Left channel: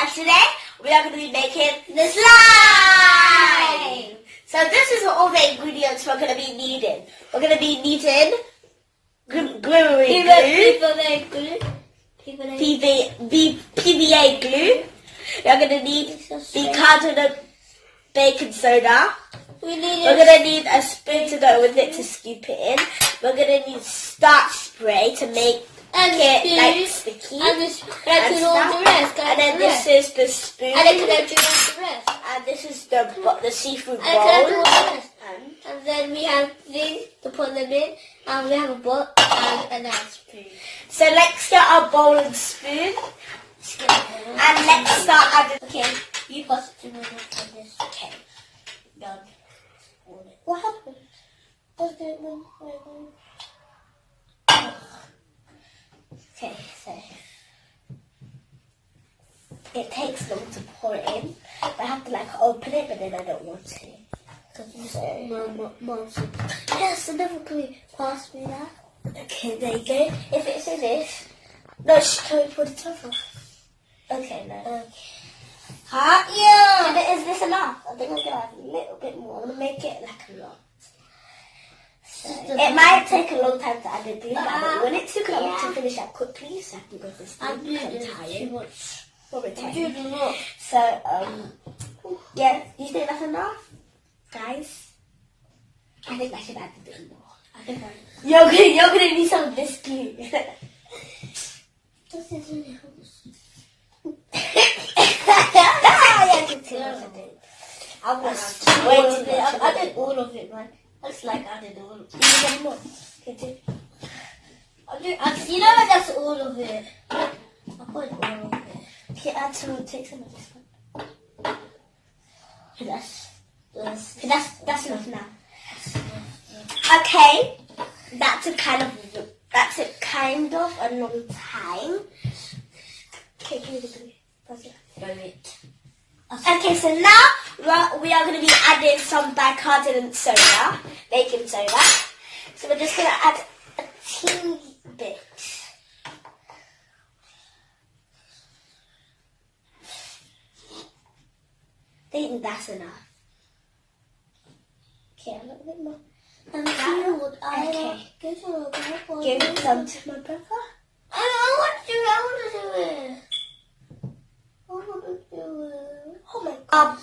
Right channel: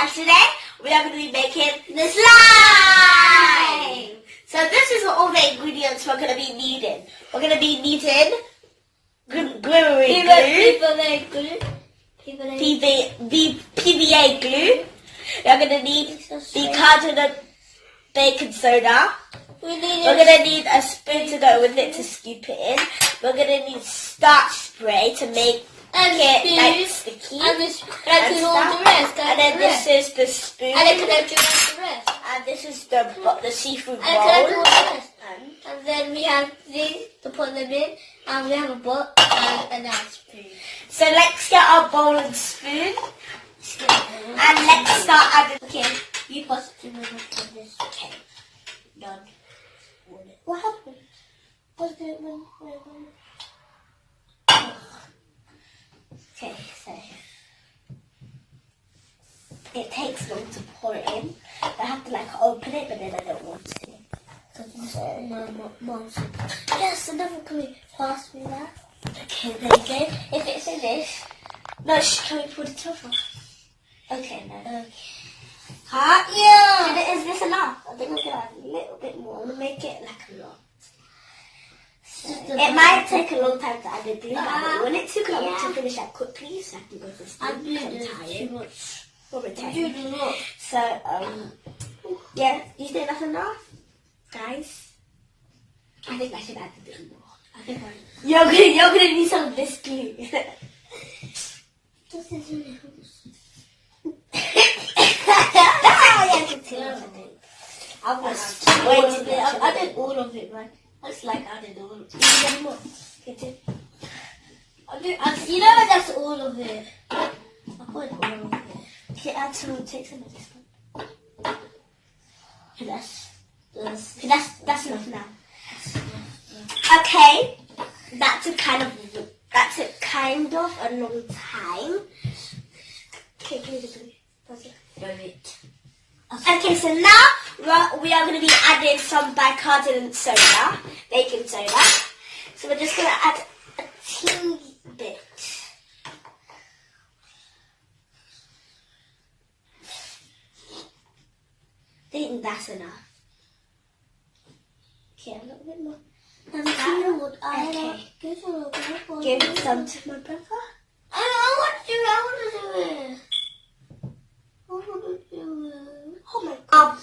And today we are going to be making the slime. So this is all the ingredients we're going to be needing. We're going to be needing PVA glue. You're going to need bicarbonate baking soda. We're going to need a spoon to go with it to scoop it in. We're going to need starch spray to make it like sticky. And then this is the spoon. And this is the seafood bowl. And then we have these to put them in. And we have a bowl and another spoon. So let's get our bowl and spoon. And let's start adding. Okay, you possibly will look at this. Okay, done. What happened? What's going on? Okay, so it takes long to pour it in. I have to like open it, but then I don't want to. So, Mom. Yes, another glue. Pass me that. Okay, there you go. If it's in this, no, can we put the top off? Okay, no. Yeah. Is this enough? I think I'm gonna add a little bit more. I'm gonna make it like a lot. So, it might take a long time to add the glue, but when it took long to finish that quickly, so I can go to sleep. I'm tired. Probably tired. So, yeah, do you think that's enough, guys? I think I should add a bit more. You're gonna need some of this glue. This is really I was waiting. I did all of it, man. That's like I did all of it. You know that's all of it. I put all of it. Okay, add some. Take some of this one. That's enough now. Okay, that's a kind of a long time. Okay, give me the glue. Okay, so now we are going to be adding some bicarbonate soda, baking soda. So we're just going to add a teeny bit. I think that's enough. Okay, a little bit more. Okay. Give some to my brother. I want to do it. Oh my god.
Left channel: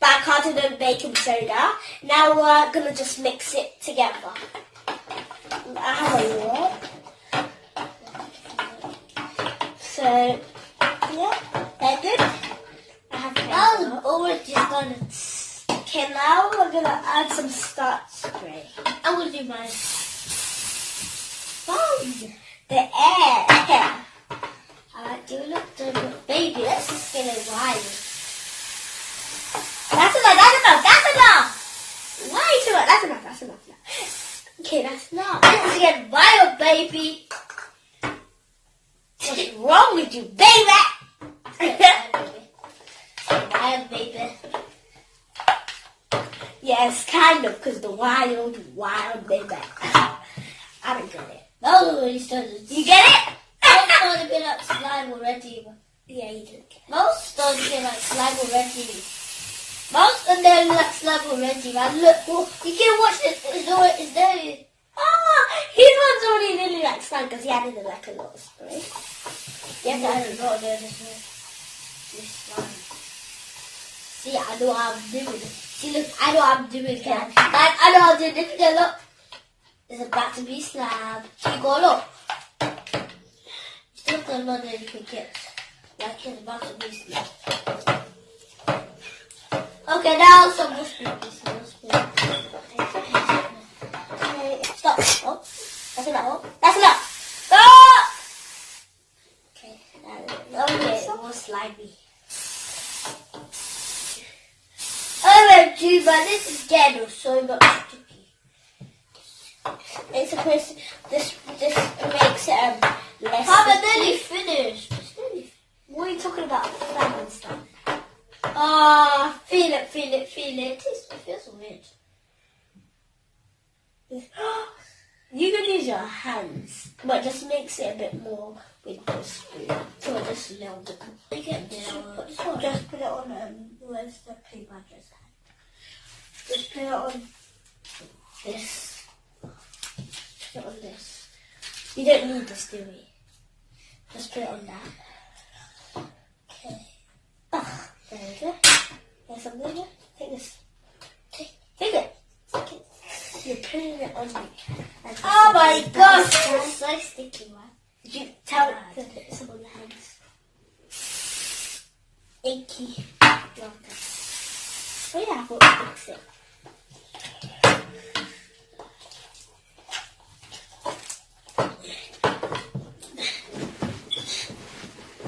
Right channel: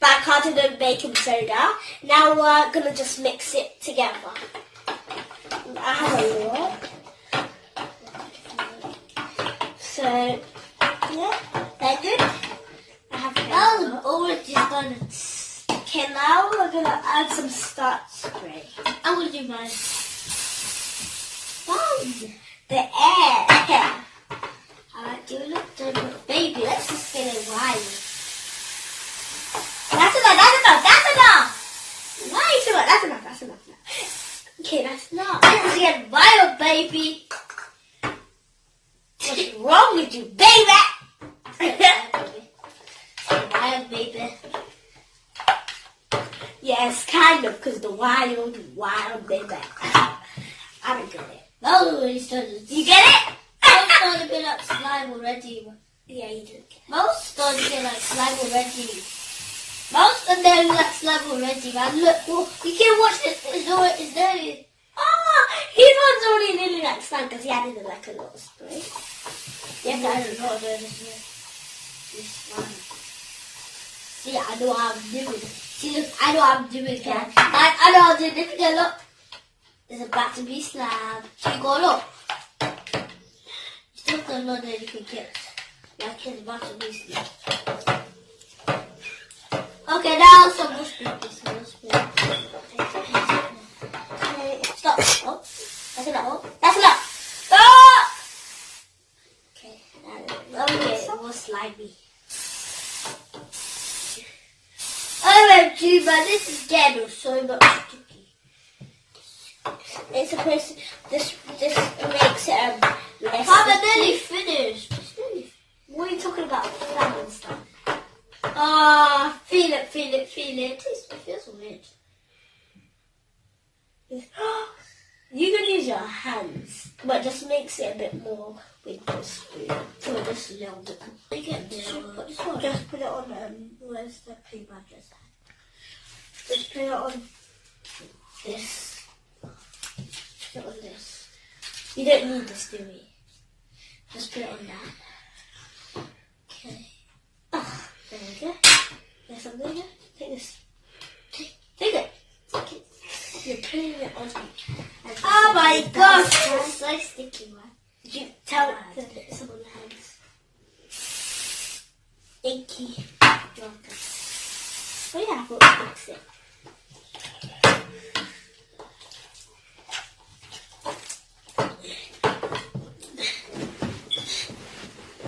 Bicarbonate baking soda. Now we're going to just mix it together. I have a lot. So, yeah, they're good. I have already done it. Okay, now we're going to add some starch spray. I will do mine. The air. You look done, baby. Let's just spin it wide. That's enough. Why too much? That's enough. Okay, that's enough. Let's get wild, baby. What's wrong with you, baby? Wild, baby. Yes, kind of, because the wild baby. I don't get it. That was already started. You get it? Most started to get like slime already. Yeah, you did. Most started to get like slime already. Most of them like slime already, man. Look, you can watch this. It's there. Oh, his one's already nearly like slime because he added like a lot of spray. Yeah, but I don't know this slime. See, I know what I'm doing. See, look, I know what I'm doing, guys. I know what I'm doing. Look, look. It's about to be slime. You go look. Still don't know that you can get. Like it's about to be slime. Okay, now some more spoon. Stop. Oh, that's enough. That's enough. Stop. Okay, Okay, more slimy. OMG, man, this is getting so much sticky. It's supposed to, this makes it less. I'm nearly finished. What are you talking about? Flat and stuff. Feel it. It feels weird. You can use your hands, but just makes it a bit more with the spoon. So this is now the just put it on, where's the paper just put it on this. Put it on this. You don't need this, do we? Just put it on that. Okay. Oh, there we go. There's something there. Take this. Take it. Take it. You're putting it on me. Oh my gosh! It's so sticky, man. Did you tell it to put some on the hands? Icky. Oh yeah, I thought I'd fix it.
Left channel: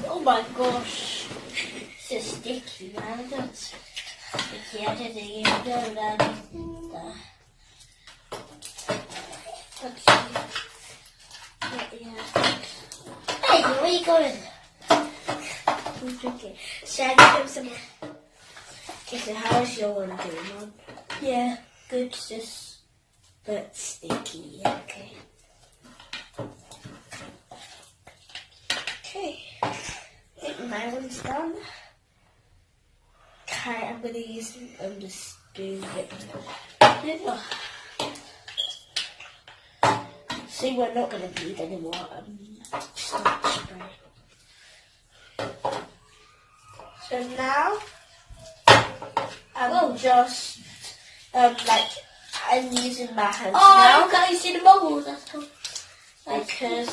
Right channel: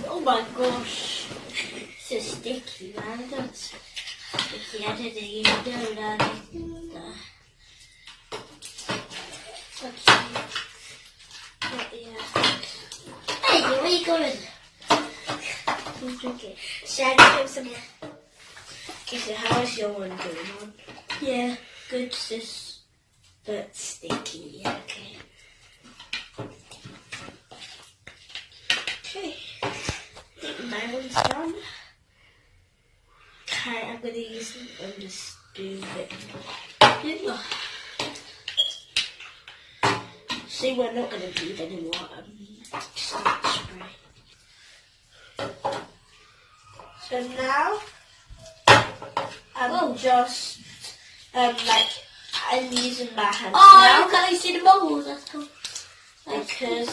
Oh my gosh. It's so sticky, man. That's sticky. I didn't even know that. Okay. Yeah. Hey, where are you going? I'm drinking. Shall I give some? Okay, so how's your one doing on? Yeah, good, sis. But sticky, yeah, okay. Okay. I think my one's done. Okay, I'm gonna use the spoon bit. Oh. See, we're not gonna need any more starch spray. So now I'm just I'm using my hands now. Can you see the bubbles? That's cool. Because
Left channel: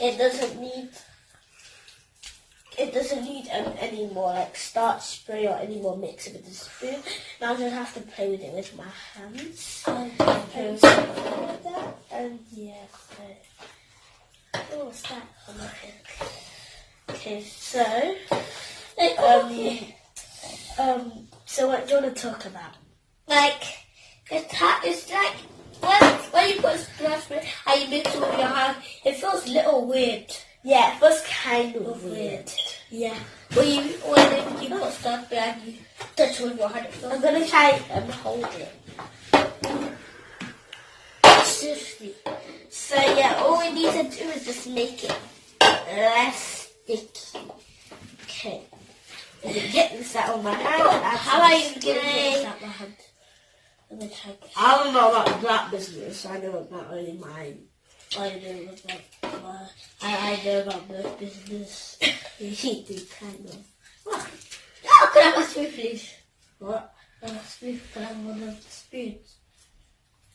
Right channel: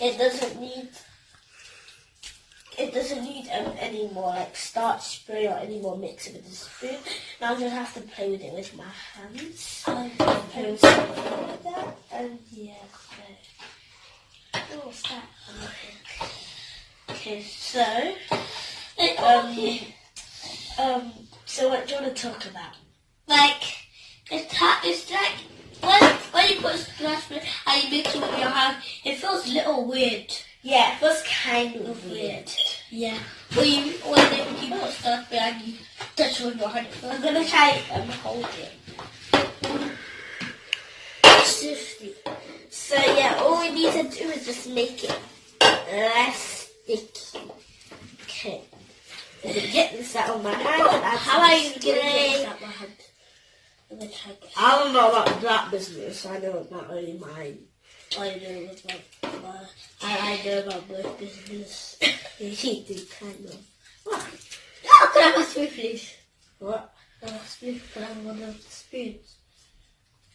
it doesn't need any more like starch spray or any more mixing with the spoon. Now I'm gonna have to play with it with my hands. And like that. And yeah. Oh, what's that? Okay, so so what do you want to talk about? Like it's like when you put starch spray and you mix it with your hand, it feels a little weird. Yeah, it was kind of weird. Yeah. When you put starch spray and you touch it with your hand, I'm gonna try and hold it. So yeah, all we need to do is just make it less sticky. Okay. Let me get this out of my hand. How are you gonna get this out of my hand? I'm gonna try this. I don't know about that business. I know about only mine. I know about both business. You do kind of. Oh, can I have a spoon, please? What? Can I have a spoon? Can I have one of the spoons?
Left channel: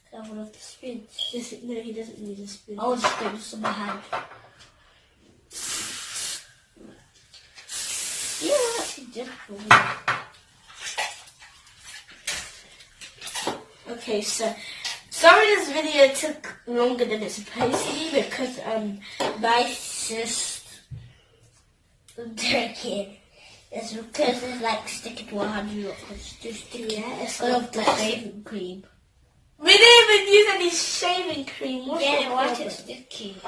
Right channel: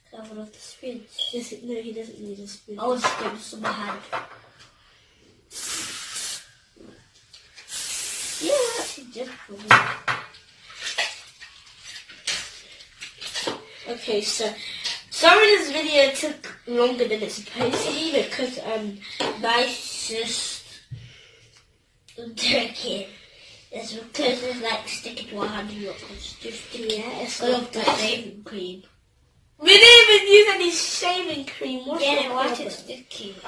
Can I have one of the spoons? No, he doesn't need a spoon. I'll just get this in my hand. Yeah, that's difficult. Okay, so sorry this video took longer than it's supposed to be because my sis drinking. It's because it's like sticking to 100 it's just sticky. Yeah, it's of the shaving cream. We didn't even use any shaving cream. What's yeah, why is it sticky?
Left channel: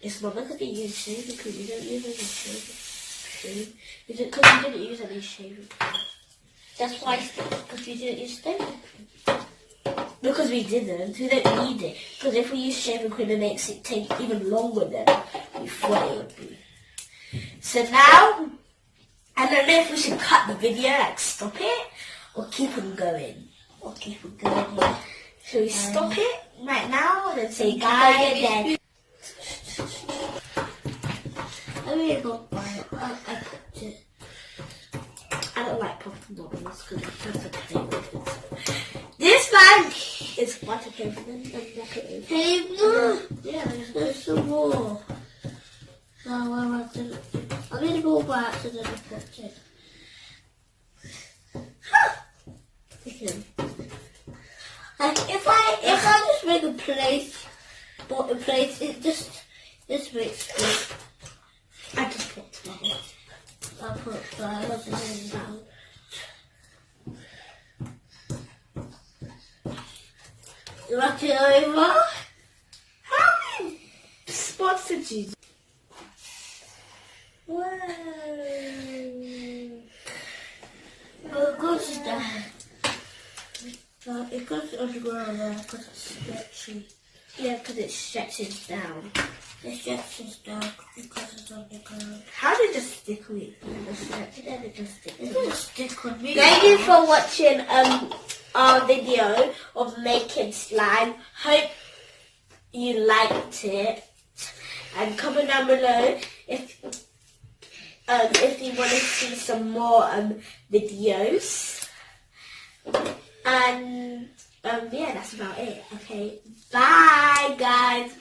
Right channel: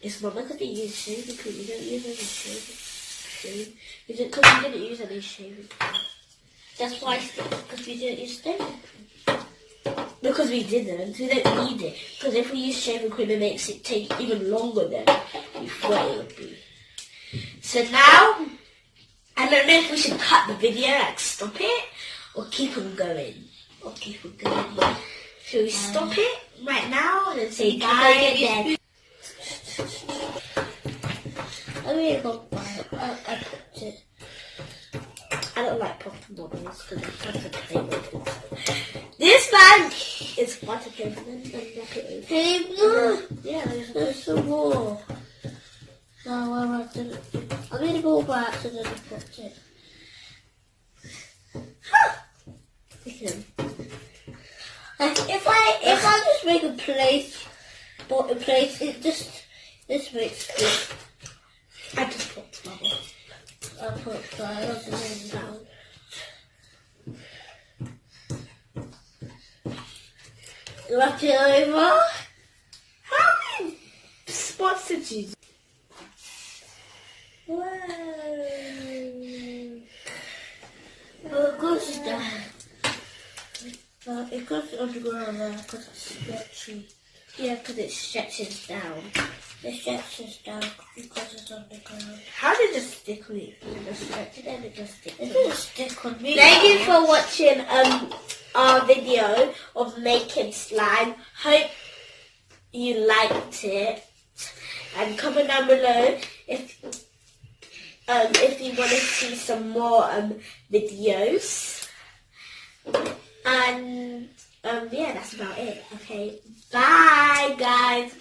It's not because we use shaving cream. You don't use any shaving cream. Is it because we didn't use any shaving cream? That's why it's sticky, because we didn't use shaving cream. Because we didn't. We don't need it. Because if we use shaving cream, it makes it take even longer than we thought it would be. So now, I don't know if we should cut the video, like stop it, or keep on going. Should we stop it right now and say bye again? I really don't like it. I put it. I don't like popping bubbles because it's fun to play with it. This man is fun to play with. Hey, look! Yeah, there's some more. No, I'm going to go back to the put it. If I just make a place, it this makes good. I just put bubbles. I put bubbles down. Look it over. How many spots did you do? Wow. What good is that? It goes underground now because it's sketchy. Yeah, because it stretches down. It stretches down because it's on the ground. How did it stick on it? It just stretched and then it just stick. It didn't stick on me. Thank you for watching our video of making slime. Hope you liked it. And comment down below if you want to see some more videos. And yeah, that's about it. Okay, bye guys.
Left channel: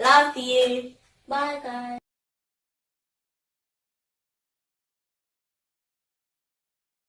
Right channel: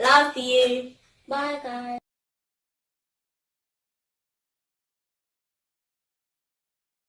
Love you. Bye guys.